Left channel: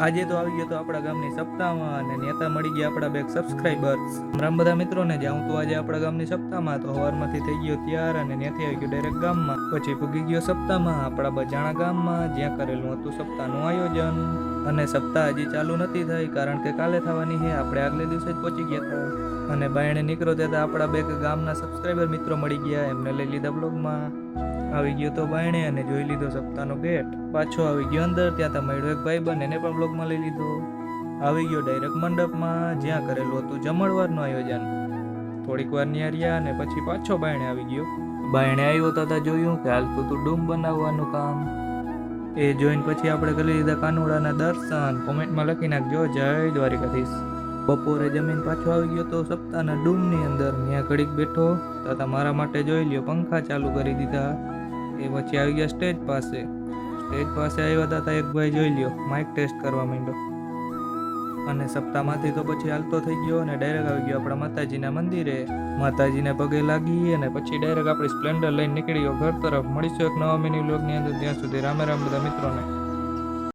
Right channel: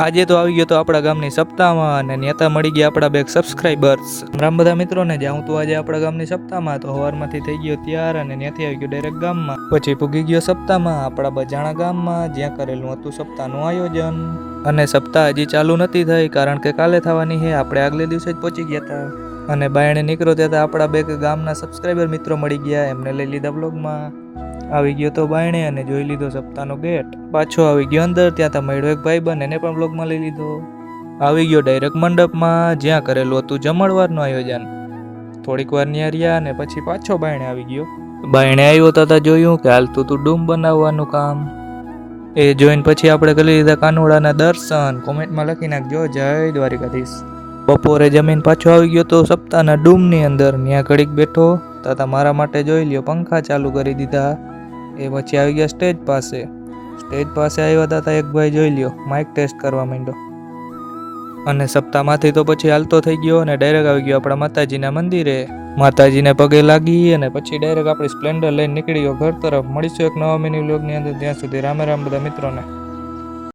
આજે તો આવી ગયો તો આપણા ગામની સપ્તાહમાં અને નેતા મળી ગયા આપણા 2 સબસ્ક્રાઇબર્સ. રામ બધા મિત્રોને જાઉં તો આજે આપણા ગામની સપ્તાહમાં તો સવારમાંથી થઈ ગયો તૈયાર અને ત્યાંથી આવી ગયો ડાયરેક્ટ ગામમાં. પછી પૂગી ગયો સપ્તાહમાં આપણા બજાણા ગામમાં, જ્યાં કરેલું હતું સપ્તાહનું આયોજન. અને સપ્તાહ હજી ચાલુ નથી થઈ કારણ કે કાલે થવાની છે. આપણે આગલે દિવસે જ પહોંચી ગયા હતા અને બાયણે નીકળો ત્યાં આપણા 2 ગામના સબસ્ક્રાઇબર મિત્રો મળી ગયા. એમને લઈ લીધા બ્લોગમાં. આવી ગયો તો બાયણે અને જોઈ લીધો સપ્તાહનો ગેટ. પાછો આવી ગયો અંદર, ત્યાં તો મળ્યો એક ભાઈબંધ, એને પણ બ્લોગમાં લઈ લીધો. આવી ગયો ડાયરેક્ટ મંડપમાં, જ્યાં કરેલું હતું જમણવારનું આયોજન. થોડીક વાર ન્યા રહ્યા અને પછી પાછો બાયણે આવી ગયો. બાયણે આવ્યો તો જોયું કે હાલતું તું ડૂમ બનાવવાનું કામ. એ જોઈને પછી આપણે કરી લીધા કાનુડાના દર્શન. કોમેન્ટમાં લખી નાખજો જય દ્વારિકાધીશ. બપોરે જમીન પાછો આવી ગયો તો સપ્તાહના ડૂમની અંદર. ત્યાં ઘડીક બેઠો તાતા મારા માટે જોઈ લ્યો પંખા ચાલુ કરી દીધા. એ પછી આવી ગયા સ્ટેજ પાસે. સ્ટેજ પાસે આવ્યા હતા એક ભાઈ જોઈ લ્યો માઇક ટેસ્ટ કરવા માંડ્યો. અને સપ્તાહમાંથી તો પછી હાલતો થઈ ગયો અને ડાયરેક્ટ આવી ગયો આપણા માતાજીના મંદિરે. માતાજીને પગે લાગી અને પછી ડાયરેક્ટ આપણી સ્પ્લેન્ડર લઈને નીકળી ગયો ઘર તરફ. મળીશું એક નવા મિની વ્લોગની અંદર. ત્યાં સુધી રામે રામ બધા મિત્રોને.